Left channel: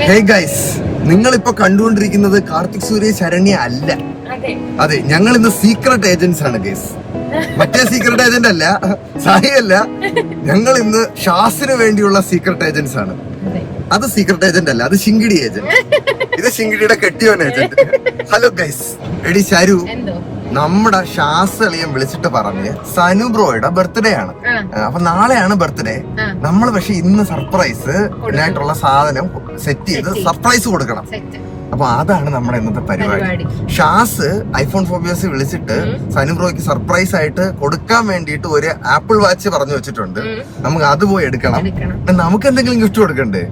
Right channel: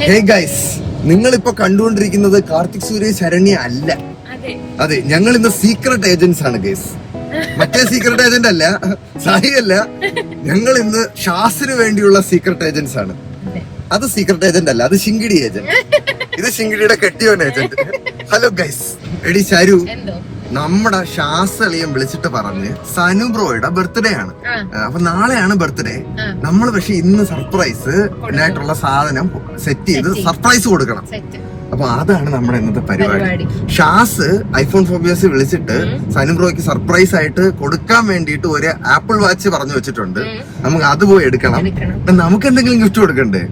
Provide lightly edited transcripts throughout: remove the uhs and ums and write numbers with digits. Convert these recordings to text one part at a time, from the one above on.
Hey guys, നിങ്ങളിപ്പോ കണ്ടുകൊണ്ടിരിക്കുന്നത് കാർത്തിക് സൂര്യ ശരണ്യ അല്ല. അതെ, ഞങ്ങൾ ഇന്ന് സീക്രട്ട് ഏജന്റ്സ് ആണ് ഗൈസ്. മറ്റേ സീക്രട്ട് ഏജന്റ് അല്ല, സായി അല്ല. ഞങ്ങൾ ഇന്ന് ഷാസിന് വേണ്ടിയുള്ള സീക്രട്ട് ഏജന്റ്സ് ആണ്. അത് സീക്രട്ട് ഏജന്റ് അല്ല, അത് ശിങ്കിടി ഏജന്റ്. ഇത് ശിങ്കിടിയുടെ കെട്ടിയോൻ ഏജന്റ്. Hello guys. എടി ശരു, നമ്മുടെ ഷാസളിയം വിളിച്ചിട്ട് പറഞ്ഞ് സനു ബ്രോയുടെ ബർത്ത്ഡേ ആണ്. അപ്പൊ നാളെയാണ് ബർത്ത്ഡേ. നമ്മൾ പക്ഷെ ഇന്ന് സർപ്രൈസ് ആയിട്ടുള്ള സാധനം സെറ്റ് ചെയ്ത് സർപ്രൈസ് കൊടുക്കണം. അപ്പൊ അതാണ് നമ്മുടെ ഇന്നത്തെ പരിപാടി. ഷാസ് ഐഫോൺ ഫോബിയസ് വിളിച്ചിട്ട് സനു ബ്രോയ്ക്ക് സർപ്രൈസ് ആയിട്ട് കൊടുക്കാൻ വേണ്ടിയിട്ട് ഒരു ആപ്പിൾ വാച്ച് പറഞ്ഞു വെച്ചിട്ടുണ്ട്. നമുക്ക് അത് പോയി എടുക്കണം. നമുക്ക് എന്തെങ്കിലും ഗിഫ്റ്റ് കൊടുക്കണ്ടേ?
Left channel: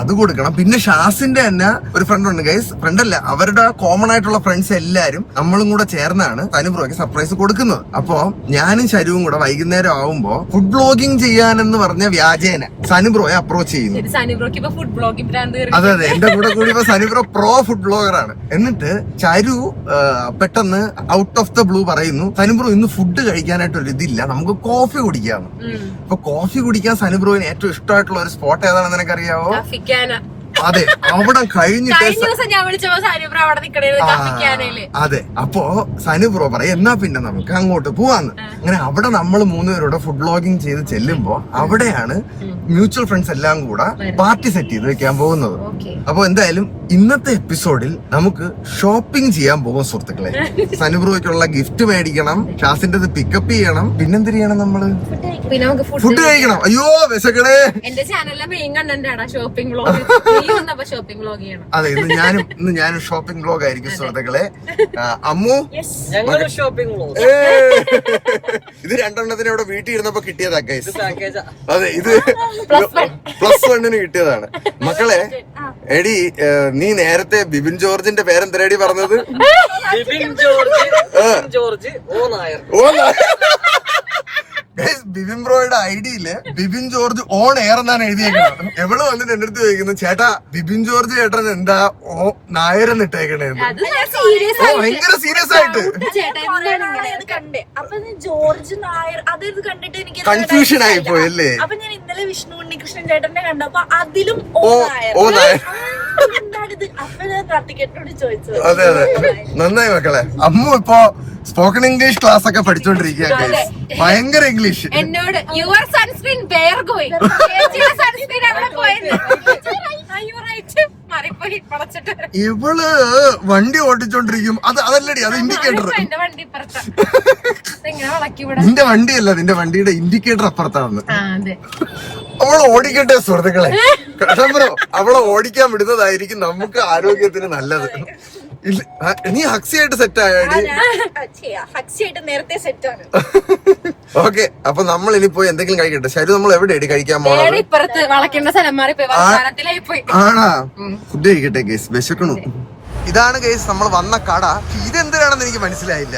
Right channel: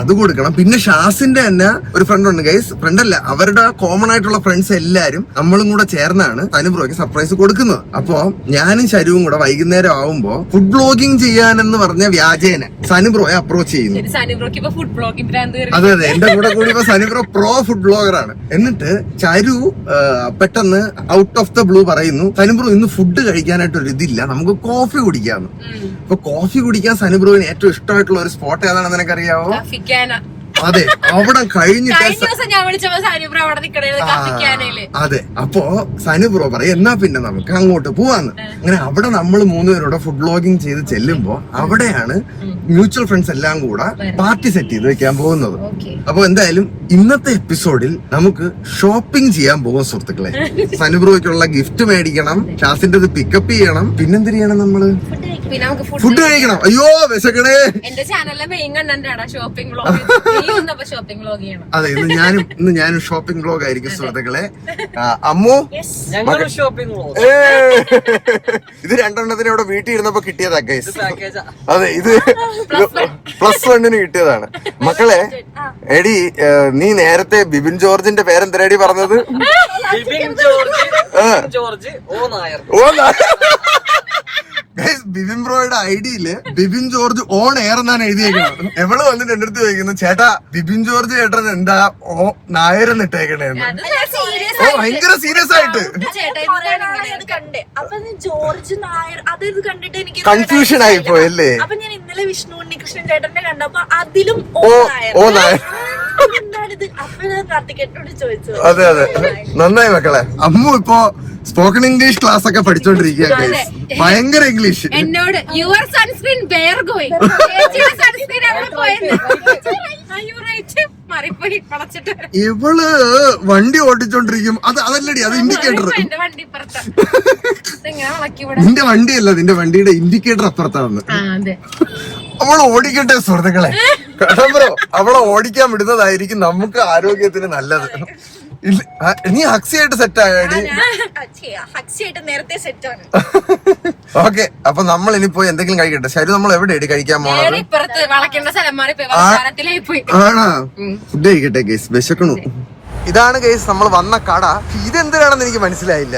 അത് കൊടുക്കണം. പിന്നെ ഷാസിന്റെ തന്നെ ഒരു ഫ്രണ്ട് ഉണ്ട് ഗൈസ്. ഫ്രണ്ട് അല്ല, അവരുടെ കോമൺ ആയിട്ടുള്ള ഫ്രണ്ട്സ് എല്ലാരും നമ്മളും കൂടെ ചേർന്നാണ് സനു ബ്രോയ്ക്ക് സർപ്രൈസ് കൊടുക്കുന്നത്. അപ്പോ ഞാനും ശരുവും കൂടെ വൈകുന്നേരം ആവുമ്പോ ഫുഡ് ബ്ലോഗിങ് ചെയ്യാനെന്ന് പറഞ്ഞ വ്യാജേന സനു ബ്രോയെ അപ്രോച്ച് ചെയ്യുന്നു. അതെ അതെ, എന്റെ കൂടെ കൂടി ഇപ്പൊ Sanu bro pro food blogger ആണ്. എന്നിട്ട് ചരു പെട്ടെന്ന് ഔട്ട് ഓഫ് ദ ബ്ലൂ പറയുന്നു, സനു ബ്രോ ഇന്ന് ഫുഡ് കഴിക്കാനായിട്ട് ഒരു ഇതില്ല, നമുക്ക് കോഫി കുടിക്കാന്ന്. അപ്പൊ കോഫി കുടിക്കാൻ സനു ബ്രോയിന് ഏറ്റവും ഇഷ്ടമായിട്ടുള്ള ഒരു സ്പോട്ട് ഏതാണെന്ന് നിനക്കറിയാവോ? അതെ, അവിടെ കഴിഞ്ഞിട്ട് അതെ. അപ്പോ സനു ബ്രോ പറയും എന്നാ പിന്നെ നമുക്ക് അങ്ങോട്ട് പോവാന്ന്. അങ്ങനെ അവിടെ നമ്മൾ മൂന്നുപേരോടെ ഫുഡ് വ്ലോഗിങ് ചെയ്ത് ചെല്ലുമ്പോ അവിടെയാണ് മ്യൂച്വൽ ഫ്രണ്ട്സ് എല്ലാം കൂടെ പാർട്ടി സെറ്റ് ചെയ്ത് വെക്കാൻ പോകുന്നത്. അപ്പൊ എന്തായാലും ഇന്നത്തെ എപ്പിസോഡിൽ നമുക്ക് ഷോപ്പിംഗ് ചെയ്യാൻ പോകും സുഹൃത്തുക്കളെ. സനു ബ്രോയ്ക്കുള്ള ഗിഫ്റ്റ് മേടിക്കണം, ഷാസിന്റെ പിക്കപ്പ് ചെയ്യണം, പിന്നെന്ത് ചെയ്യണം? നമ്മള് ഫുഡ് കഴിക്കണം. അയ്യോ വിശക്കണേ. അതെ, ഇന്ന് ഞാനും ഷോപ്പിംഗ് വ്ലോഗ് ആയിരിക്കും സുഹൃത്തുക്കളെ. അമ്മു ഇത് രണ്ടെണ്ണത്തിന് ഇവിടെ വീട്ടിൽ ഇരുന്നപ്പോ കിട്ടിയതാ ഗൈസ്. അതെ, ഇത് +1 കിട്ടിയതാണ്. മക്കളെ എടി, നീ നേരത്തെ ബിബിൻ ജോർജിന്റെ പേരെന്തരടി പറഞ്ഞത്? ബിബിൻ ബ്രോയുടെ ഐഡിയില് ബിബിൻ ജോർജ് ഓൺ എയർ എന്നാണ് എഴുതിയേക്കുന്നത്. എവള് വന്നിട്ട് എന്റെ അടുത്ത് ചോദിക്കുന്നു, ചേട്ടാ ബിബിൻ ജോർജ് ചേട്ടൻ എന്താ നായരെന്ന് ഇട്ടേക്കണേന്ന്. ഭയങ്കര സീരിയസ് ആയിട്ട് കൺഫ്യൂഷൻ ആയി പോയല്ലേ. അപ്പൊ ഞാൻ ഇന്നലെ വിഷ്ണു ഉണ്ണികൃഷ്ണൻ ചേട്ടന്റെ കണ്ടപ്പോ അതിലും ഓ നായർ. അതെ അതെ, നന്നായി മക്കളെ. അമ്മു ഇപ്പൊ സ്പോക്കൺ ഇംഗ്ലീഷ് ക്ലാസ് ഒക്കെ പഠിച്ചോണ്ടിരിക്കുക. ഭയങ്കര ഇംഗ്ലീഷ്. എന്നോട് your sunscreen were going, sunscreen അവിടെ പോയെന്ന്. ഇവള് വണ്ടി ഓടിച്ചോണ്ടിരിക്കും. അതല്ലടി, അത് ഇൻഡിക്കേറ്റർ. നിന്റെ വണ്ടിയല്ല, നിന്റെ വണ്ടിയുടെ ഇൻഡിക്കേറ്റർ അപ്പുറത്താണെന്ന്. അവളെ ഓടിക്കട്ടെ സുഹൃത്തുക്കളെ. ബ്രോ, അവളെ ഓടിക്കാൻ വിടുന്നതായിരിക്കും നമുക്ക് ആരോഗ്യത്തിന് നല്ലത്. നീ ഹക്സിയായിട്ട് സെറ്റ് ആയാടി. ഓക്കെ, അപ്പൊ നമ്മൾ ഇനി പോയി എന്തെങ്കിലും കഴിക്കട്ടെ. ശരി, നമ്മൾ എവിടെയാണ് കഴിക്കാൻ പോണത്? ആണാ, ഫുഡ് കഴിക്കട്ടെ ഗേസ്, വിശക്കണു. ഇതാണ് ഗേസ് നമ്മൾ വന്ന കട. ഇതെന്തിനാണെന്ന് എനിക്ക് മനസ്സിലായില്ല.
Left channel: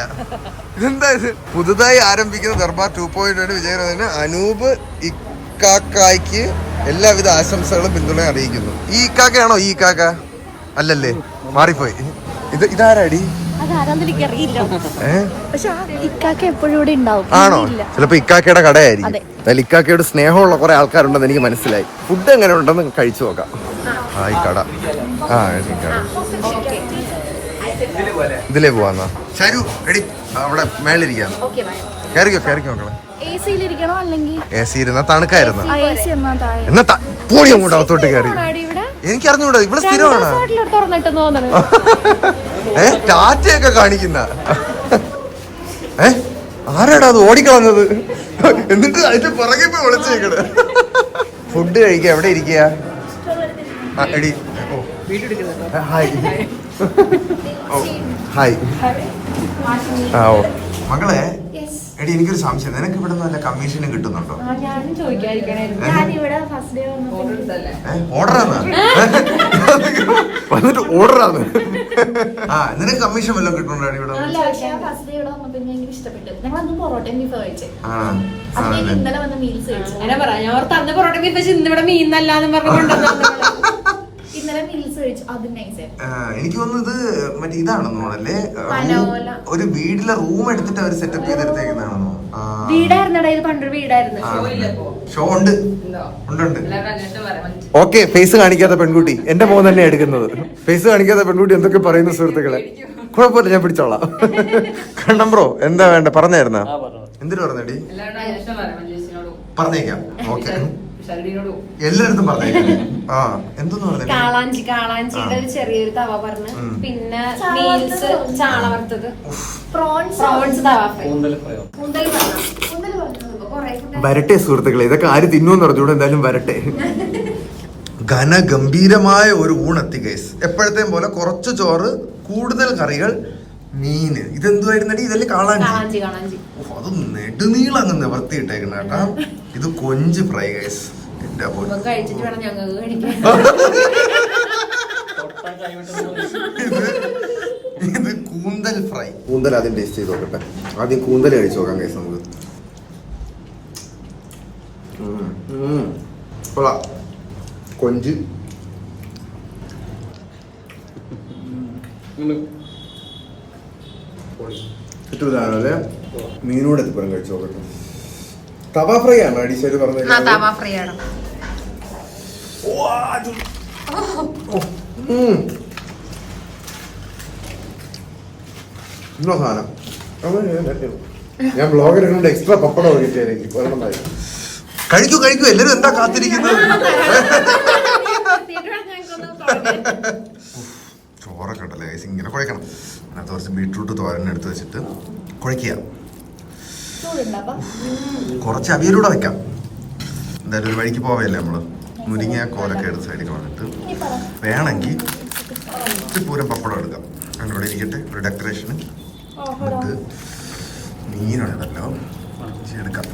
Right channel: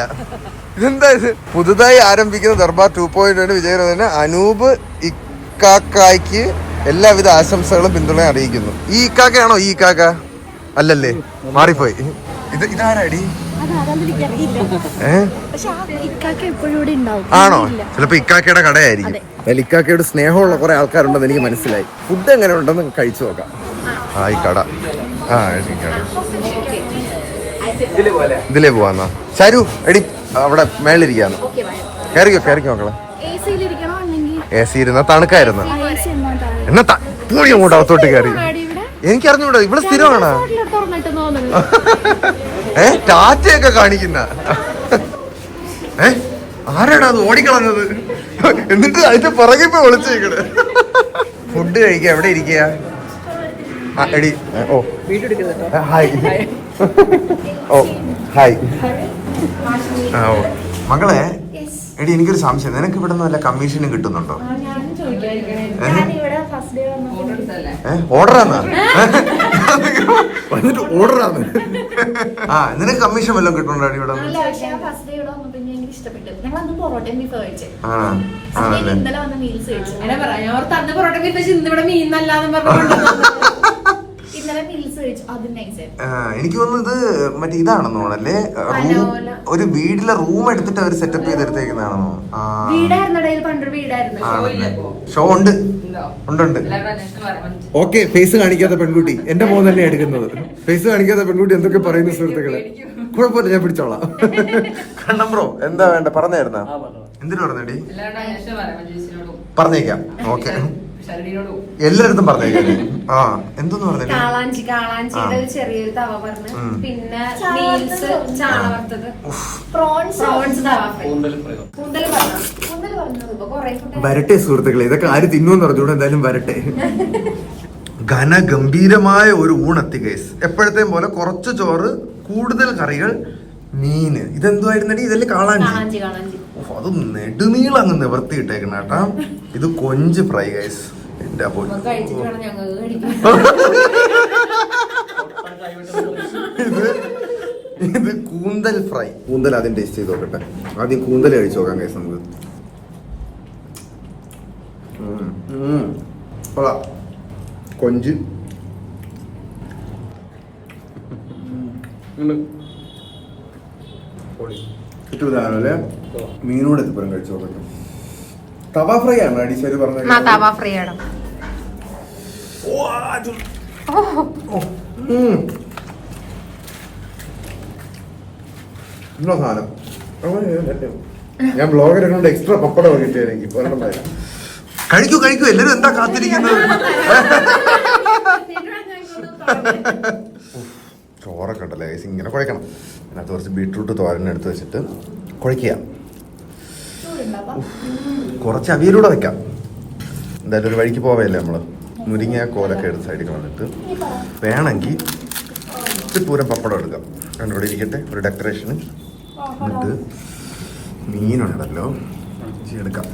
ഇതെന്താ ഇത്? പുതുതായി ആരംഭിക്കുന്ന ദർബാർ 2.0 വിജയകരത്തിന് അനൂപ് ഇക്കാക്കായ്ക്ക് എല്ലാവിധ ആശംസകളും പിന്തുണയും അറിയിക്കുന്നു. ഈ ഇക്കാക്കയാണോ? ഈ ഇക്കാക്ക അല്ലല്ലേ, മാറിപ്പോയി. ഇതാരാടി? ആണോ? ചിലപ്പോ ഇക്കാക്കയുടെ കടയായിരിക്കും. അതിൽ ഇക്കാക്കയുടെ സ്നേഹമുള്ള കുറെ ആൾക്കാരുണ്ടെന്ന് എനിക്ക് മനസ്സിലായി. ഫുഡ് എങ്ങനെ ഉണ്ടെന്ന് കഴിച്ചു നോക്കാം. ഈ കട ഇതിലേ പോവാന്നാ. ശരു എടി, അവിടെ മേളിരിക്കാന്നോ? കയറിക്കോ മക്കളെ. എ സി ഇരുന്ന തണുക്കായിരുന്നു. എന്നാ പോയി അങ്ങോട്ട് അകത്തോട്ട് കയറി. എനിക്കറിഞ്ഞൂടാ, ഇവിടെ സ്ഥിരമാണ്. ടാറ്റയൊക്കെ കാണിക്കുന്ന. ആരാടാ അത് ഓടിക്കളഞ്ഞത്? എന്നിട്ട് അതിന്റെ പുറകെ പോയി വിളിച്ചേക്കണ്. ഫുഡ് കഴിക്കുക. എവിടെ ഇരിക്കുക? എടി, ഓ ഹായ്. ഓ ഹായ്. ഓ മകളെ, എടി എനിക്കൊരു സംശയം, നിനക്ക് ഇവിടെ നിന്ന് വല്ല കമ്മീഷനും കിട്ടുന്നുണ്ടോ? ഓർഡറാന്ന് വന്നിട്ട് ഓർഡറാന്ന്. നിനക്ക് കമ്മീഷൻ വല്ലതും കിട്ടുന്നുണ്ടോ ഇവിടെ? എനിക്ക് തോന്നുന്നു ഇത് മറ്റേ ഇതാണെന്ന് തോന്നല്ലേ, ഒരു വീട്ടിലെ റൂം എടുത്തിട്ട് അവർ സെറ്റപ്പ് ചെയ്തെടുത്തേക്കുന്നതാണെന്നോ? വീടായിരുന്നു, പണ്ടൊരു വീടായിരുന്നു. ഷോ ഉണ്ട്. ഓക്കെ, ഫേസ് കാണിക്കാത്ത പെൺകുട്ടി എന്റെ മോൻ തന്നെ എടുക്കുന്നത്. ഫേസ് കാണിക്കാത്ത പെൺകുട്ടി എന്തൊക്കെ പറയുന്നു സുഹൃത്തുക്കളെ. കുഴപ്പമില്ല, ഞാൻ പിടിച്ചോളാം. കണ്ണം ബ്രോ എന്താ വേണ്ട പറഞ്ഞായിരുന്ന? എന്തിനു പറഞ്ഞടി? പറഞ്ഞേക്കാം. ഓക്കെ, എല്ലായിടത്തും പറഞ്ഞേക്കാം. ആ എന്തെന്ന് പറഞ്ഞു? കാളാഞ്ചിയുടെ ഒരു ചെറിയൊരു തവ പറഞ്ഞു. പിന്നെ മീൽസ് ചാള വറുത്തത്, പ്രോൺസ് തവ ഫ്രൈ, വരട്ടെ സുഹൃത്തുക്കളെ, ഇതൊക്കെ ആര് തിന്നുമെന്ന് പറഞ്ഞൂടെ. എന്തായാലും വരട്ടെ. ഘനഗംഭീരമായ ഒരു ഊണെത്തി ഗൈസ്. എപ്പോഴത്തെയും പോലെ കുറച്ച് ചോറ്, കൂടുതൽ കറികൾ, മീന്. ഇതെന്തുവായിരുന്നടി? ഇതല്ലേ കാളാഞ്ചി. അത് നെടുനീളം അങ്ങ് നിവർത്തിയിട്ടേക്കണ കേട്ടാ. ഇത് കൊഞ്ച് ഫ്രൈ ഗൈസ്. എന്റെ ഇത് കൂന്തൽ ഫ്രൈ. കൂന്തൽ ആദ്യം ടേസ്റ്റ് ചെയ്ത് നോക്കട്ടെ. ആദ്യം കൂന്തൽ കഴിച്ചു നോക്കാം ഗൈസ് നമുക്ക്. കൊഞ്ച് കിട്ടൂലേ? മീനോട് എത്തിപ്പുറം കഴിച്ചു നോക്കട്ടെ. തവ ഫ്രൈ ആണ് അടീശ്വര് പറഞ്ഞത്. സാധനം ഞാൻ ബ്ലോഗർ കൊണ്ട് എക്സ്ട്രാ പപ്പടം കിട്ടിയായിരിക്കും. കഴിക്കൂ കഴിക്കൂ, എല്ലാരും എന്താ കാത്തിരിക്കുന്നത്? ചോറൊക്കെ ഉണ്ടല്ലേ ഗൈസ്, ഇങ്ങനെ കുഴക്കണം. അതിനകത്ത് കുറച്ച് ബീട്രൂട്ട് തോരൻ എടുത്ത് വെച്ചിട്ട് കുഴയ്ക്കുക. കുറച്ച് അവിയലൂടെ വെക്കാം. എന്തായാലും ഒരു വഴിക്ക് പോവല്ലേ നമ്മള്. മുരിങ്ങ കോലൊക്കെ എടുത്ത് സൈഡിൽ വന്നിട്ട് വേണമെങ്കിൽ ഇച്ചിരി പൂരം പപ്പടം എടുക്കാം. അതിനോട് ഇരിക്കട്ടെ ഒരു ഡെക്കറേഷന്. എന്നിട്ട് മീനുണ്ടല്ലോ എടുക്കാം.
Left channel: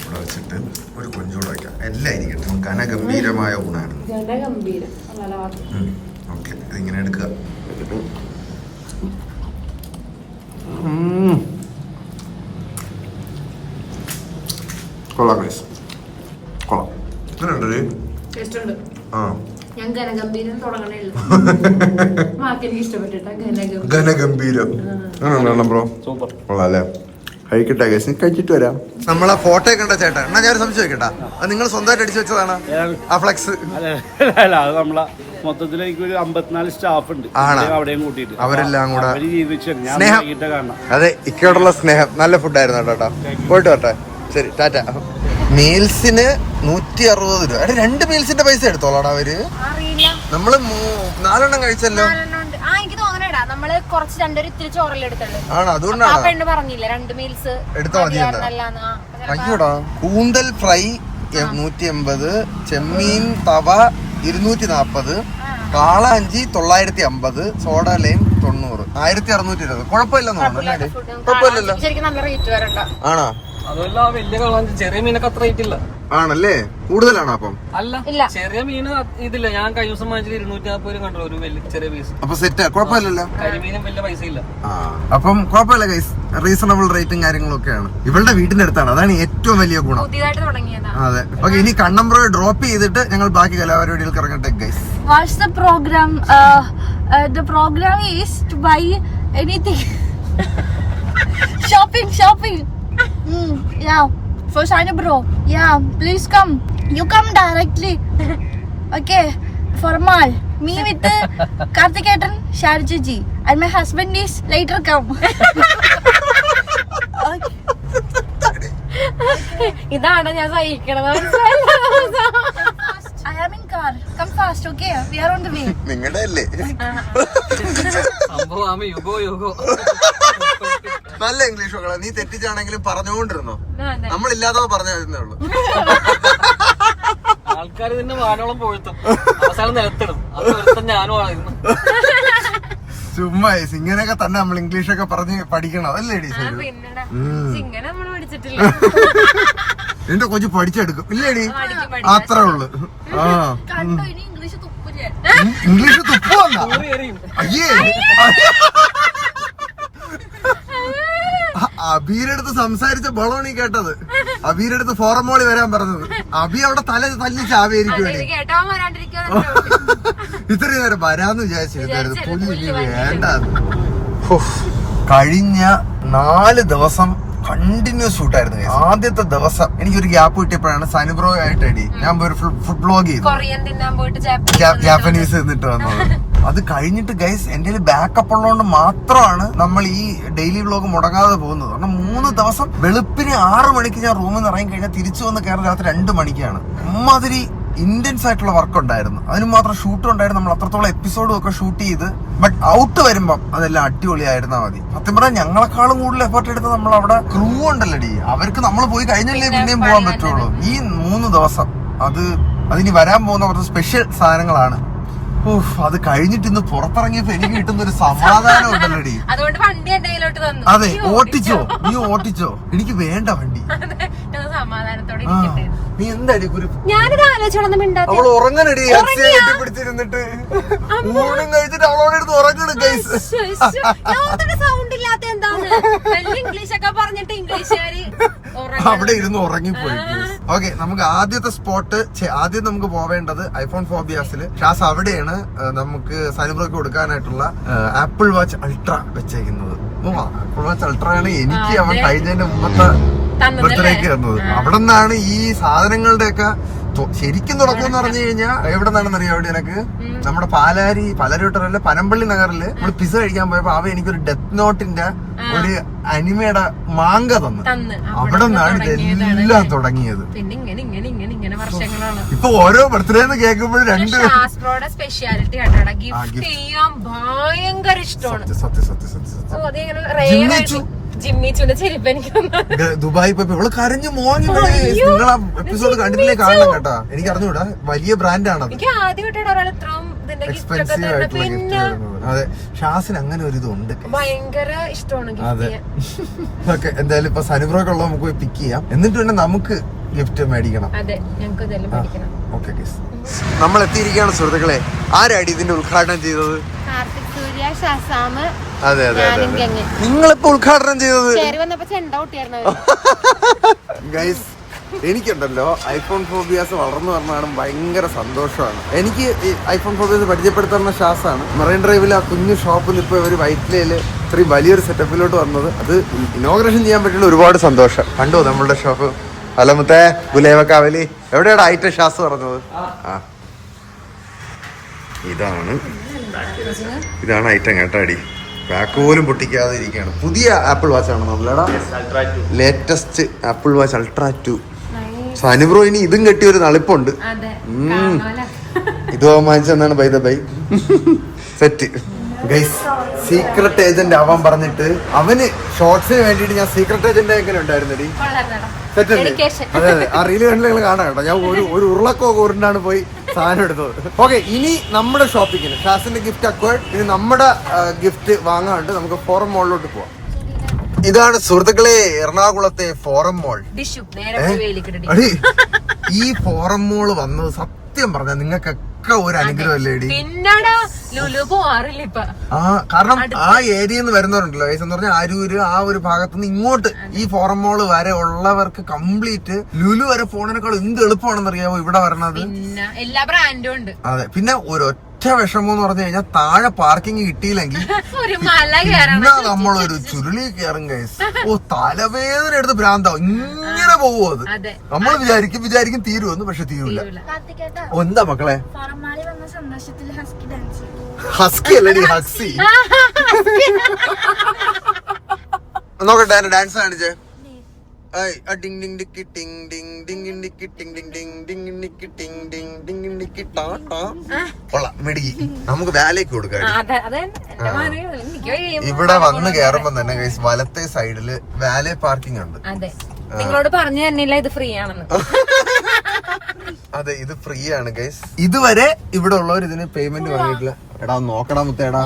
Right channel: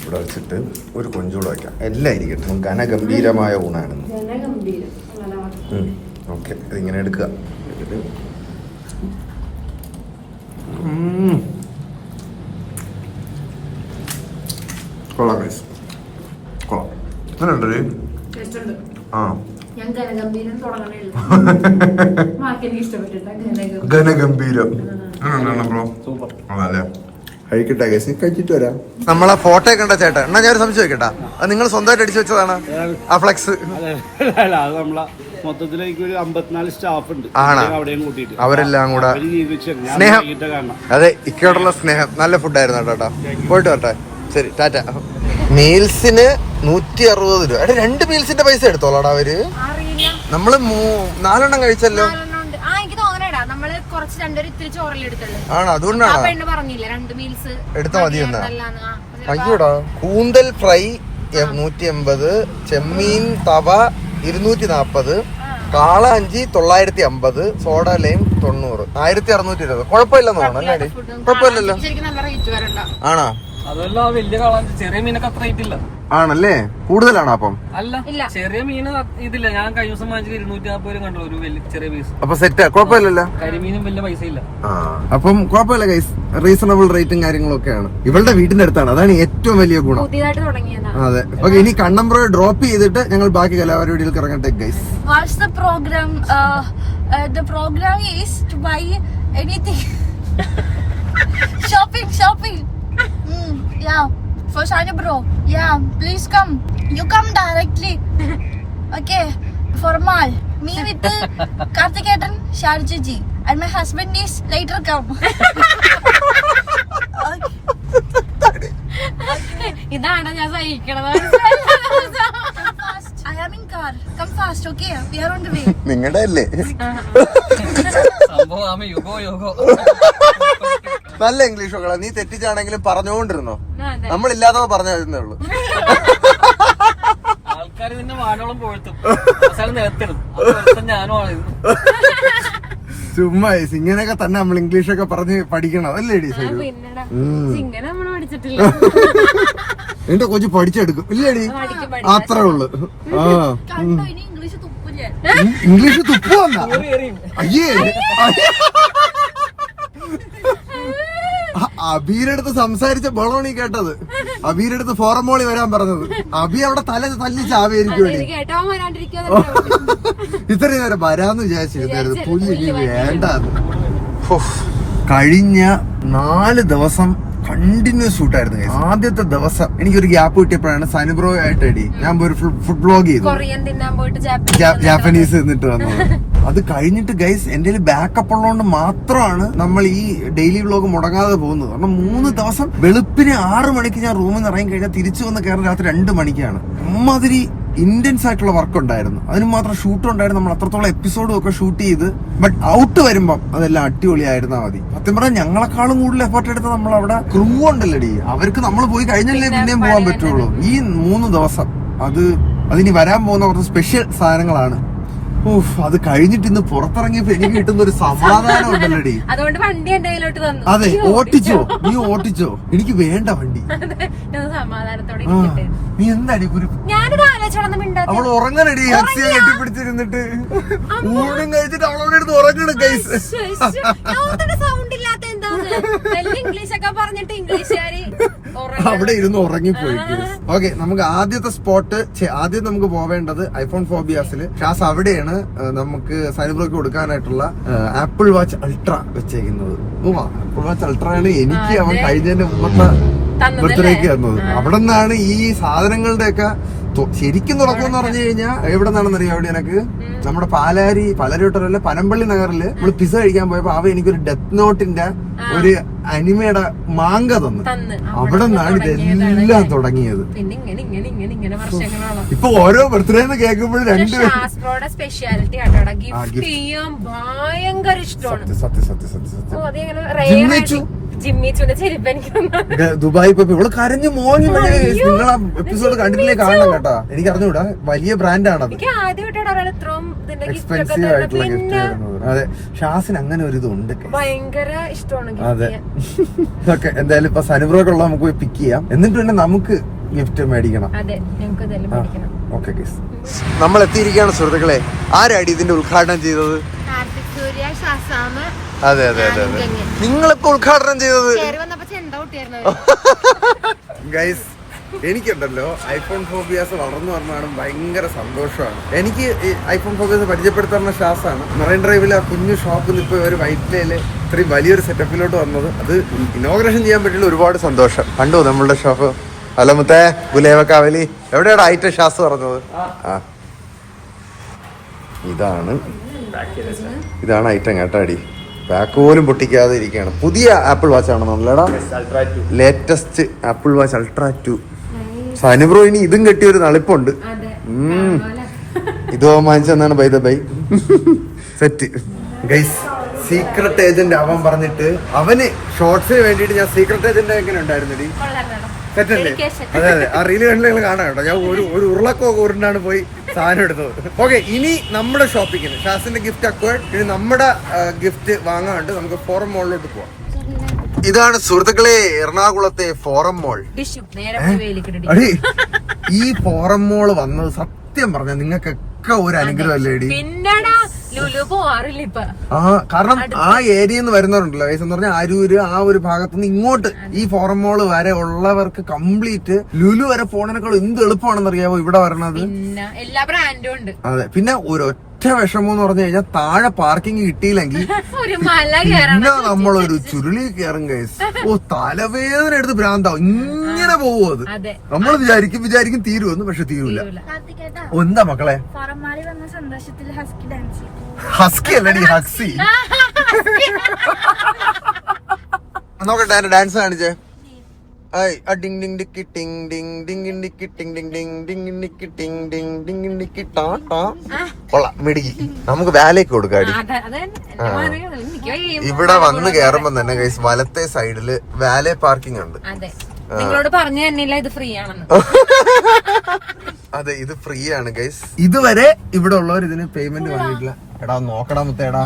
ഇവിടെ വെച്ചിട്ട് ഒരു കൊഞ്ചൂടെ വയ്ക്കാം. എല്ലാം ഇരിക്കട്ടെ. ഘനഗംഭീരമായ ഊണാണ്. ഓക്കെ, ഇതിങ്ങനെ എടുക്കുക. കൊള്ളാം ഗൈസ്, കൊള്ളാം. അങ്ങനെ ഉണ്ടല്ലേ? ആ ഘനഗംഭീരം. ബ്രോ കൊള്ളാം അല്ലേ? കഴിക്കട്ടെ ഗൈസ്, കഴിച്ചിട്ട് വരാം. നമ്മളെ ഫോട്ടോ കണ്ട ചേട്ടാ. എന്നാ ഞാൻ സംശയം വെക്കട്ടാ, അത് നിങ്ങൾ സ്വന്തമായിട്ട് അടിച്ചു വെച്ചതാണ് ആ ഫ്ലെക്സ്? അത് നമ്മളെ മൊത്തത്തിലേക്ക് ഒരു 54 സ്റ്റാഫ് ഉണ്ട്. അവിടെയും കൂട്ടിയിട്ട് അവരെല്ലാം കൂടെ സ്നേഹം. അതെ, ഇക്കയോടുള്ള സ്നേഹം. നല്ല ഫുഡായിരുന്നു കേട്ടോ. പോയിട്ട് വരട്ടെ. ശരി, ടാറ്റ. മീൽസിന് 160 രൂപ. 2 മീൽസിന്റെ പൈസ എടുത്തോളാടാ അവര്. നമ്മള് 4 കഴിച്ചല്ലോ. നമ്മള് കുറച്ച് രണ്ടൊരു ഇത്തിരി ചോറലെടുത്തല്ലേ. ആ പെണ്ണ് പറഞ്ഞില്ല 2 മീൽസ് അയ്യോടാ. കൂന്തൽ ഫ്രൈ 180, ചെമ്മീൻ തവ 240, കാളാഞ്ചി 950, സോഡ ലൈം 90, 1620. കുഴപ്പമില്ലെന്ന് തോന്നുന്നു അല്ലേ? ശരിക്കും നല്ല റേറ്റ് വരണ്ട. ആണോ? അതല്ല, വലിയ കാളാഞ്ചി ചെറിയ മീനൊക്കെ അത്ര റേറ്റ് ഇല്ല. ആണല്ലേ? കൂടുതലാണോ അപ്പം? അല്ല, ചെറിയ മീന് ഇതില്ല. ഞാൻ കഴിഞ്ഞ ദിവസം വാങ്ങിച്ചത് 240 കണ്ടു ഒരു വലിയ ചെറിയ പീസ്. അപ്പൊ സെറ്റ്, കുഴപ്പമില്ലല്ലോ. കരിമീനും വലിയ പൈസ ഇല്ല. അപ്പം കുഴപ്പമില്ല ഗൈസ്, റീസണബിൾ റേറ്റും കാര്യങ്ങളൊക്കെയാണ്. ഇവളുടെ വീടിന്റെ അടുത്താണ്, അതാണ് ഏറ്റവും വലിയ ഗുണം. അതെ. ഓക്കെ, ഇനി കണ്ണമ്പ്രോ ഡ്രോപ്പ് ചെയ്തിട്ട് ഞങ്ങൾ ബാക്കി കലാപരിപാടികൾക്ക് ഇറങ്ങട്ടെ guys. The program is to buy anything. Shopping. Yeah, for Shani bro. Yeah, please come. You come directly. Okay, for mall. Me with Karthikeyan, Sharjaji, and my husband is later come. ഇതാണ് ഞാൻ സഹിക്കണത്. I am in car. Come fast, okay? We are on the way. നിങ്ങളുടെ അല്ലേ? സംഭവം Hugo നല്ല English ഒക്കെ നീ തെറ്റിച്ചാണെങ്കിലും പറഞ്ഞുകൊണ്ടിരുന്നോ? നമ്മളില്ലാതെ പറഞ്ഞതേ ഉള്ളൂ. ആൾക്കാർ തന്നെ വാനോളം പോഴ്ത്തും, നിലത്തിടും. ഞാനും ആയിരുന്നു. ചുമ്മാ ഇങ്ങനെയൊക്കെ തന്നെ നമ്മൾ ഇംഗ്ലീഷൊക്കെ പറഞ്ഞ് പഠിക്കണം അല്ലേ? എന്റെ കൊച്ചു പഠിച്ചെടുക്കും ഇല്ലേടി? അത്രേ ഉള്ളു. ഇംഗ്ലീഷ് തുപ്പുവന്ന അയ്യേ. അബീരടുത്ത് സംസാരിച്ച ബളോണി കേട്ടത്. അബീരടുത്ത് ഫോറമോളി വരാൻ പറഞ്ഞത്. അബി അവിടെ തല തല്ലി ചാവേരിക്കും. ഇത്രയും നേരം വരാന്ന് വിചാരിച്ചിരുന്നു. പുലി വേണ്ട. കഴിഞ്ഞ 4 ദിവസം കണ്ടിന്യൂസ് ഷൂട്ടായിരുന്നു. ആദ്യത്തെ ദിവസം എനിക്കൊരു ഗ്യാപ്പ് കിട്ടിയപ്പോഴാണ് സനുബ്രോ ആയിട്ട് ഞാൻ ഒരു ഫുഡ് വ്ലോഗ് ചെയ്തു, കൊറിയൻ തിന്നാൻ പോയിട്ട് ജാപ്പനീസ് നിന്നിട്ട് വന്നത്. അത് കഴിഞ്ഞിട്ട് ഗൈസ് എന്റെ ബാക്കപ്പ് ഉള്ളതുകൊണ്ട് മാത്രമാണ് നമ്മൾ ഈ ഡെയിലി വ്ലോഗ് മുടങ്ങാതെ പോകുന്നത്. കാരണം 3 ദിവസം വെളുപ്പിന് 6 മണിക്ക് ഞാൻ റൂമിൽ നിന്ന് ഇറങ്ങി കഴിഞ്ഞാൽ തിരിച്ചു വന്ന് കയറുന്ന രാത്രി 2 മണിക്കാണ്. അമ്മാതിരി ഇന്റൻസ് ആയിട്ടുള്ള വർക്ക് ഉണ്ടായിരുന്നു. അതിന് മാത്രം ഷൂട്ട് ഉണ്ടായിരുന്നു. നമ്മൾ അത്രത്തോളം എപ്പിസോഡും ഒക്കെ ഷൂട്ട് ചെയ്ത് ബട്ട് ഔട്ട് വരുമ്പം അതെല്ലാം അടിപൊളിയായിരുന്നാ മതി. സത്യം പറഞ്ഞാൽ ഞങ്ങളെക്കാളും കൂടുതൽ എഫേർട്ട് എടുത്ത് നമ്മൾ അവിടെ ക്രൂ ഉണ്ടല്ലോടി, അവർക്ക് നമ്മൾ പോയി കഴിഞ്ഞല്ലേ പിന്നെയും പോകാൻ പറ്റുള്ളൂ. ഈ 3 ദിവസം അതിനി വരാൻ പോകുന്ന കുറച്ച് സ്പെഷ്യൽ സാധനങ്ങളാണ്. അത് കഴിഞ്ഞിട്ട് ഇന്ന് പുറത്തിറങ്ങിയപ്പോ എനിക്ക് കിട്ടുന്ന ഒരു സമാധാനം ഉണ്ടല്ലോടി. അതുകൊണ്ട് വണ്ടി എന്റെ കയ്യിലോട്ട് തന്നു. അതെ, നീ ഓട്ടിച്ചോ, എനിക്ക് വേണ്ട വണ്ടി. സമാധാനത്തോടെ നീ എന്താടി ഞാനിത് ആലോചിച്ചോളൊന്നും മിണ്ടാതെ അവൾ ഉറങ്ങണടി, അക്സിയെ കെട്ടിപ്പിടിച്ചിരുന്നിട്ട് ഊണും കഴിച്ചിട്ട് അവളോട് എടുത്ത് ഉറങ്ങണം ഗൈസ്. സൗണ്ട് ഇല്ലാത്ത എന്താണ് ഇംഗ്ലീഷ് ഒക്കെ പറഞ്ഞിട്ട് ഇംഗ്ലീഷുകാര് അവിടെ ഇരുന്ന് ഉറങ്ങിപ്പോയി. ഓക്കെ, നമുക്ക് ആദ്യത്തെ സ്പോട്ട് ആദ്യം നമുക്ക് പോവേണ്ടത് ഐഫോൺ ഫോബിയാസിൽ. ഷാസ് അവിടെയാണ് നമുക്ക് സൈബർക്ക് കൊടുക്കാനായിട്ടുള്ള ആപ്പിൾ വാച്ച് അൾട്ര വെച്ചേക്കുന്നത്. ആപ്പിൾ വാച്ച് അൾട്ര ആണ് എനിക്ക് അവൻ കഴിഞ്ഞതിന്റെ മുമ്പത്തെ ബർത്ത്ഡേക്ക് തന്നത്. അവിടെ നിന്നാണ് ഈ സാധനങ്ങളുടെ ഒക്കെ ശരിക്കും തുറക്കെന്ന് പറഞ്ഞു കഴിഞ്ഞാൽ എവിടെ നിന്നാണെന്ന് അറിയാം. അവിടെ എനിക്ക് നമ്മുടെ പാലാരിവട്ടമല്ല പനമ്പള്ളി നഗറില് നമ്മള് പിസ കഴിക്കാൻ പോയപ്പോ അവ എനിക്കൊരു ഡെത്ത് നോട്ടിന്റെ ഒരു അനിമയുടെ മാങ്ക തന്നു. അവിടെ നിന്നാണ് ഇതെല്ലാം തുടങ്ങിയത്. ഇപ്പൊ ഓരോ ബർത്ത്ഡേന്ന് കേൾക്കുമ്പോൾ സ്പെഷ്യാലിറ്റി ഭയങ്കര ഇഷ്ടമാണ്. ജിമ്മിച്ചുന്റെ ചെരുപ്പ് എനിക്ക് ദുബായ് പോയപ്പോ ഇവള് കരഞ്ഞു മോങ്ങി. നിങ്ങളെ എപ്പിസോഡ് കണ്ടിട്ടില്ലേ, കാണണം കേട്ടാ. എനിക്ക് അറിഞ്ഞൂടാ, വലിയ ബ്രാൻഡാണത്, എക്സ്പെൻസീവ് ആയിട്ടുള്ള ഗിഫ്റ്റ്. അതെ, ഷാസിന് അങ്ങനെ ഒരു ഇതുണ്ട്, ഭയങ്കര ഇഷ്ടമാണ്. അതെ, ഓക്കെ. എന്തായാലും ഇപ്പൊ സനുബ്രോക്കുള്ള നമുക്ക് പോയി പിക്ക് ചെയ്യാം, എന്നിട്ട് പിന്നെ നമുക്ക് ഗിഫ്റ്റ് മേടിക്കണം. ഓക്കെ, നമ്മൾ എത്തിയിരിക്കുകയാണ് സുഹൃത്തുക്കളെ. ആരാടി ഇതിന്റെ ഉദ്ഘാടനം ചെയ്തത്? അതെ അതെ അതെ അതെ, നിങ്ങളിപ്പോ ഉദ്ഘാടനം ചെയ്തത്. ഗൈസ്, എനിക്കുണ്ടല്ലോ ഐഫോൺ ഫോബിയാസ് വളർന്നു പറഞ്ഞാലും ഭയങ്കര സന്തോഷമാണ്. എനിക്ക് ഈ ഐഫോൺ ഫോബിയാസ് പരിചയപ്പെടുത്തുന്ന ഷാസാണ്. മെറൈൻ ഡ്രൈവിൽ ആ കുഞ്ഞു ഷോപ്പിൽ നിന്ന് ഇപ്പോൾ ഒരു വൈറ്റ്ലയില് ഇത്രയും വലിയൊരു സെറ്റപ്പിലോട്ട് വന്നത്. അത് ഇനോഗ്രേഷൻ ചെയ്യാൻ പറ്റിയുള്ള ഒരുപാട് സന്തോഷം. കണ്ടോ നമ്മളുടെ ഷോപ്പ്? ഹലോ മുത്തേ, ഗുലേവ കാവലി എവിടെയാണ് ഐറ്റം ഷാസ് പറഞ്ഞത്? ഇതാണ് ഐറ്റം കേട്ടാടി. പാക്ക് പോലും പൊട്ടിക്കാതെ ഇരിക്കുകയാണ്. പുതിയ ആപ്പിൾ വാച്ച് ആണ് നമ്മളെടാ, ലേറ്റസ്റ്റ് ആപ്പിൾ വാച്ച് അൾട്ര 2. സനുബ്രോ ഇനി ഇതും കെട്ടിയൊരു നളിപ്പുണ്ട്. ഇത് വാങ്ങിച്ചെന്നാണ് by the by set. Guys, secret agent ആവാൻ പറഞ്ഞിട്ട് അവന് ഷോർട്സിന് വേണ്ടിയിട്ട് ഞാൻ സീക്രട്ട് ഏജന്റ് എങ്ങനെ ഉണ്ടായിരുന്നടി? സെറ്റല്ലേ? അതെ അതെ, ആ റീല് കണ്ടില്ല, നിങ്ങൾ കാണാം കേട്ടോ. ഞാൻ ഒരു ഉരുളക്കോ കൂറിനാണ് പോയി സാധനം എടുത്തത്. ഓക്കെ, ഇനി നമ്മുടെ ഷോപ്പിങ്ങിന് ഷാസിന്റെ ഗിഫ്റ്റ് അക്വേർഡ്. ഇനി നമ്മുടെ ഗിഫ്റ്റ് വാങ്ങാണ്ട് നമുക്ക് ഫോറം മോളിലോട്ട് പോവാം. ഇതാണ് സുഹൃത്തുക്കളെ എറണാകുളത്തെ ഫോറം മോൾ. ഈ ഫോറം മോള് വന്നത് സത്യം പറഞ്ഞ നിങ്ങൾക്കൊക്കെ ഒരു അനുഗ്രഹമല്ലേടി? കാരണം ആ ഏരിയയിൽ നിന്ന് വരുന്നവരുണ്ടല്ലോ എന്ന് പറഞ്ഞാൽ അരൂര് ആ ഒരു ഭാഗത്തുനിന്ന് ഇങ്ങോട്ട് ഈ ഫോറം മോള് വരെ ഉള്ളവർക്ക് കംപ്ലീറ്റ് ലുലു വരെ പോണേക്കാൾ എന്ത് എളുപ്പമാണെന്ന് അറിയാമോ ഇവിടെ വരണത്? എല്ലാ ബ്രാൻഡും ഉണ്ട്. അതെ, പിന്നെ ഒരൊറ്റ വിഷമം എന്ന് പറഞ്ഞു കഴിഞ്ഞാൽ താഴെ പാർക്കിംഗ് കിട്ടിയില്ലെങ്കിൽ പിന്നെ നമ്മളൊരു ചുരുളി കയറും കേസ്. തലവേദന എടുത്ത് ഭ്രാന്താവും. ഇങ്ങനെ പോവോ അത്? നമ്മൾ വിചാരിക്കും തീരുമെന്ന്, പക്ഷെ തീരൂല. എന്താ മക്കളെ? ഹസ്കി അല്ലടി, ഹക്സി. നോക്കട്ടെ എന്റെ ഡാൻസ് കാണിച്ചേ. മിടുക്കി. നമുക്ക് വാലേക്ക് കൊടുക്കാം. ഇവിടെ വന്ന് കേറുമ്പോ തന്നെ ഗൈസ് വലത്തെ സൈഡില് വാലെ പാർക്കിംഗ് ഉണ്ട്. നിങ്ങളോട് പറഞ്ഞു തന്നില്ല ഇത് ഫ്രീ ആണെന്ന്. അതെ, ഇത് ഫ്രീ ആണ് ഗൈസ്. ഇതുവരെ ഇവിടെ ഉള്ളവർ ഇതിന് പേയ്മെന്റ് വാങ്ങിയിട്ടില്ല. എടാ നോക്കടാ മുത്തേടാ,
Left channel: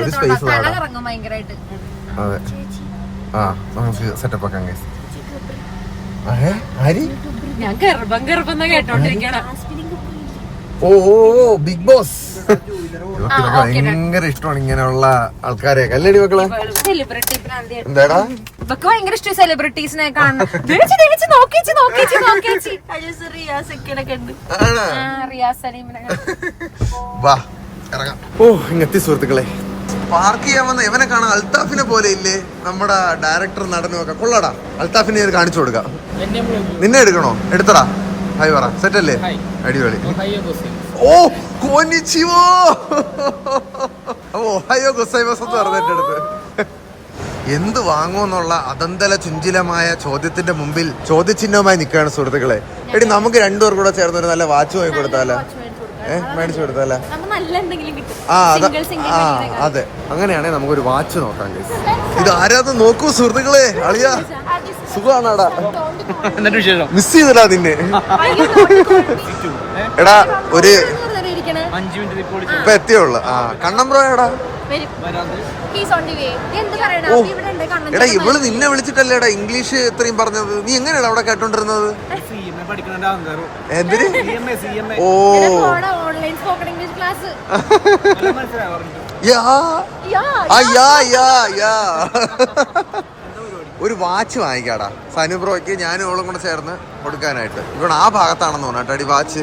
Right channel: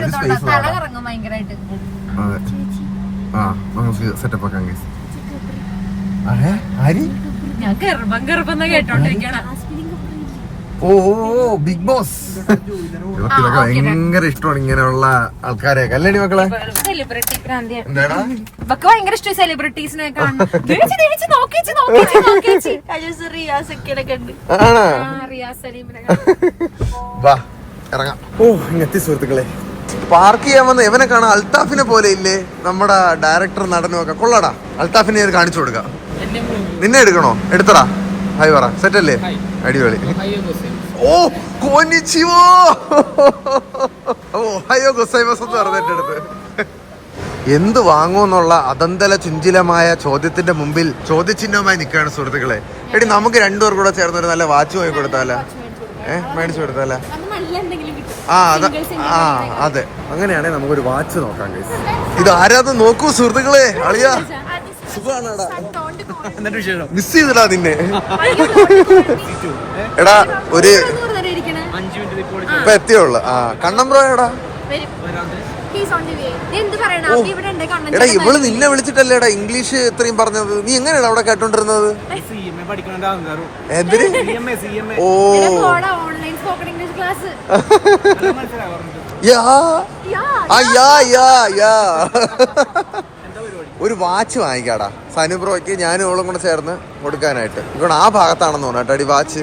ഒരു സ്പേസ് വേണം. അതെ, നമുക്ക് സെറ്റപ്പ് ആക്കാം ഗൈസ്. ഓ ബിഗ് ബോസ്. ഇതൊക്കെ ഭയങ്കര ഇഷ്ടമാണ് ഇങ്ങനെയുള്ള ആൾക്കാരെ. കല്ലടി മക്കളെ, എന്താടാ ഭയങ്കര ഇഷ്ടം സെലിബ്രിറ്റീസിനെ കാണും. വാ ഇറങ്ങാം. ഓ ഇങ്ങെത്തി സുഹൃത്തുക്കളെ, പാർക്ക് ചെയ്യാൻ വന്ന ഇവനെ കാണാൻ അൽത്താഫിനെ പോലെ ഇല്ലേ നമ്മുടെ ഡയറക്ടർ നടനും ഒക്കെ. കൊള്ളടാ, അൽത്താഫിനെ കാണിച്ചു കൊടുക്കാം. നിന്നെ എടുക്കണോ? എടുത്തടാ. ഹായ് പറ. സെറ്റ് അല്ലേ? അടിപൊളി. ഓ കോനിച്ചിവോ. ഓഹയോ ഗൊസൈമസ് എന്ന് പറഞ്ഞ എന്റെ അടുത്ത്. എന്ത് വാങ്ങുമെന്നുള്ള അതന്തല ചുഞ്ചിലമായ ചോദ്യത്തിന്റെ മുമ്പിൽ ചോദ്യചിഹ്നവുമായി നിൽക്കുകയാണ് സുഹൃത്തുക്കളെ. എടി നമുക്ക് രണ്ടുപേർ കൂടെ ചേർന്ന് ഒരു നല്ല വാച്ച് വാങ്ങി കൊടുത്താലേ? മേടിച്ചു കൊടുത്താലേ? അതെ, അങ്ങനെയാണെങ്കിൽ നമുക്കൊരു വാച്ച് നോക്കാം. ഇത് ആരാന്ന് നോക്കൂ സുഹൃത്തുക്കളെ. അളിയാ സുഖാണാടാ. മിസ് ചെയ്തടാ നിന്നെ. എടാ ഒരു ഇപ്പൊ എത്തിയുള്ളു. കണ്ണമ്പ്രോ എടാ. ഓ എടാ, ഇവള് നിന്നെ വിളിച്ചിട്ടല്ലേടാ ഇംഗ്ലീഷ് ഇത്രയും പറഞ്ഞത്. നീ എങ്ങനെയാടാ അവിടെ കേട്ടോണ്ടിരുന്നത്? എന്തിന്? ഓ ഒരു വാച്ച് വാങ്ങിക്കാടാ സനുബ്രോയ്ക്ക്. ഞാനും അവളും കൂടെ ചേർന്ന് കൊടുക്കാനായിട്ട്. ഇവിടെ ആ ഭാഗത്താണെന്ന് തോന്നാട്ടോ അടി വാച്ച്.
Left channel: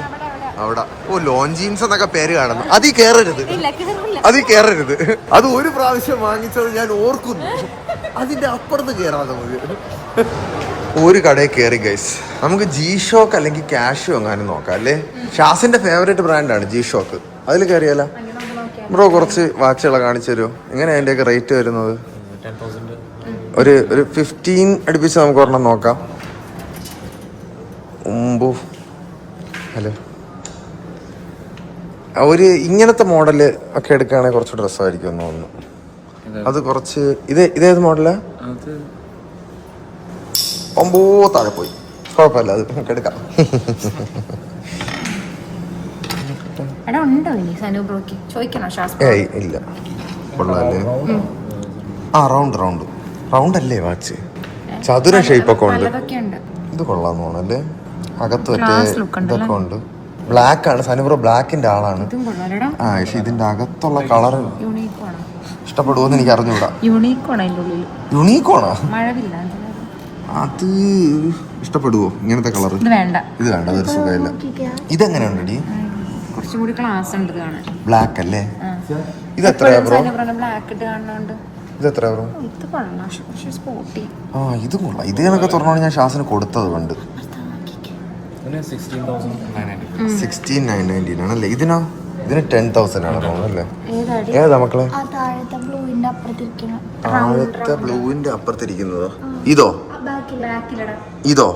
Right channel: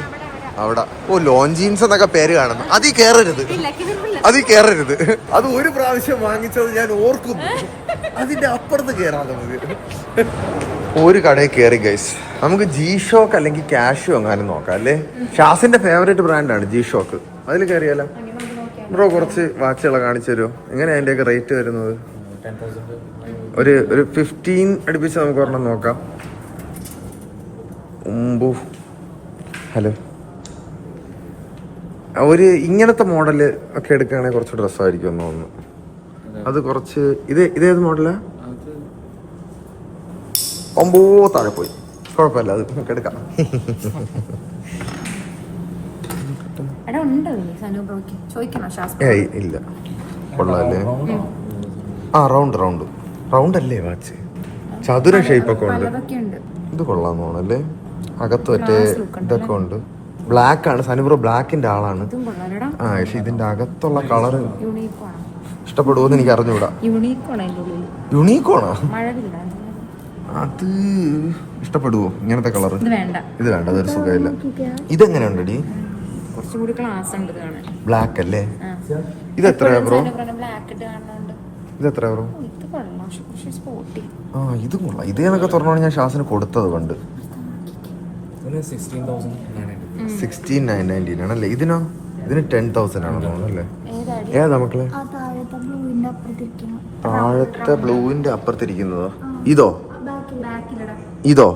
അവിടെ ഓ ലോൺ ജീൻസ് എന്നൊക്കെ പേര് കാണുന്നു. അതിൽ കേറരുത്, അതിൽ കേറരുത്. അത് ഒരു പ്രാവശ്യം വാങ്ങിച്ചത് ഞാൻ ഓർക്കുന്നു. അതിന്റെ അപ്പുറത്ത് കേറാം നമുക്ക്. ഒരു കടയിൽ കയറി ഗൈസ്. നമുക്ക് ജി ഷോക്ക് അല്ലെങ്കിൽ ക്യാഷോ എങ്ങാനും നോക്കാം അല്ലേ? ഷാസിന്റെ ഫേവറേറ്റ് ബ്രാൻഡാണ് ജി ഷോക്ക്. അതിൽ കയറിയാലോ? ബ്രോ കുറച്ച് വാച്ചുകളെ കാണിച്ചു തരുമോ? എങ്ങനെയാ അതിന്റെയൊക്കെ റേറ്റ് വരുന്നത്? ഒരു 15 അടുപ്പിച്ച് നമുക്ക് ഒരെണ്ണം നോക്കാം. ഹലോ, ഒരു ഇങ്ങനത്തെ മോഡല് ഒക്കെ എടുക്കുകയാണെങ്കിൽ കുറച്ച് ഡ്രസ്സായിരിക്കും എന്ന് തോന്നുന്നു. അത് കുറച്ച് ഇതേത് മോഡലാ? താഴെ പോയി. കുഴപ്പമില്ല, അത് നമുക്ക് എടുക്കാം. ഏയ് ഇല്ല, കൊള്ളാല്ലേ? റൗണ്ട് അല്ലേ വാച്ച്? ചതുര ഷേപ്പൊക്കെ ഉണ്ട്. ഇത് കൊള്ളാന്ന് തോന്നല്ലേ? അകത്ത് മറ്റേ ഇതൊക്കെ ഉണ്ട്. ബ്ലാക്ക് ആണ് സനുബ്രോ, ബ്ലാക്കിന്റെ ആളാണ്. പക്ഷെ ഇതിന്റെ അകത്തുള്ള കളർ ഇഷ്ടപ്പെടുവോന്ന് എനിക്ക് അറിഞ്ഞൂടാ. യുണീക്കോണാ? അത് ഇഷ്ടപ്പെടുവോ ഇങ്ങനത്തെ കളർ? ഇത് വേണ്ട, അതൊരു സുഖമില്ല. ഇതെങ്ങനെയുണ്ടടി? ബ്ലാക്ക് അല്ലേ? ഇത് എത്രയാ ബ്രോ? ഇത് എത്രയാ ബ്രോ? ഇത് കൊള്ളാം. ഇത് കണക്കെ തുറന്നാണ് ഞാൻ ഷാസിന് കൊടുത്തത് പണ്ട്. 16,990 ആണല്ലേ? ഇതിനോ? ഇതിന് 10,000 ആണ് തോന്നുന്നല്ലേ? ഏതാ മക്കളെ? താഴത്തെ ബ്ലൂവിന്റെ അപ്പുറത്തിരിക്കുന്നതോ? ഇതോ? ഇതോ?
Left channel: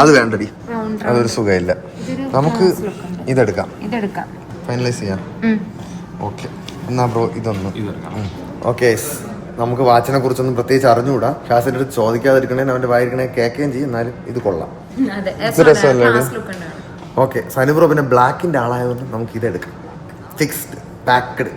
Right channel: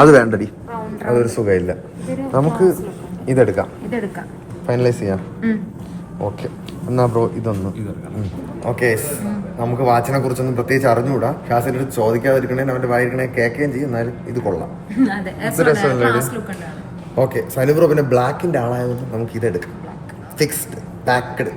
അത് വേണ്ടടി, അതൊരു സുഖമില്ല. നമുക്ക് ഇതെടുക്കാം, ഫൈനലൈസ് ചെയ്യാം. ഓക്കെ എന്നാ ബ്രോ ഇതൊന്ന്. ഓക്കെ, നമുക്ക് വാച്ചിനെ കുറിച്ചൊന്നും പ്രത്യേകിച്ച് അറിഞ്ഞുകൂടാ. ഷാസിന്റെ അടുത്ത് ചോദിക്കാതിരിക്കണേ, അവന്റെ വായിരിക്കണേ കേൾക്കുകയും ചെയ്യും. എന്നാലും ഇത് കൊള്ളാം, ഇത് രസമല്ലേ? ഓക്കെ, സനുബ്രോ പിന്നെ ബ്ലാക്കിന്റെ ആളായതുകൊണ്ട് നമുക്ക് ഇതെടുക്കാം. Fixed packed.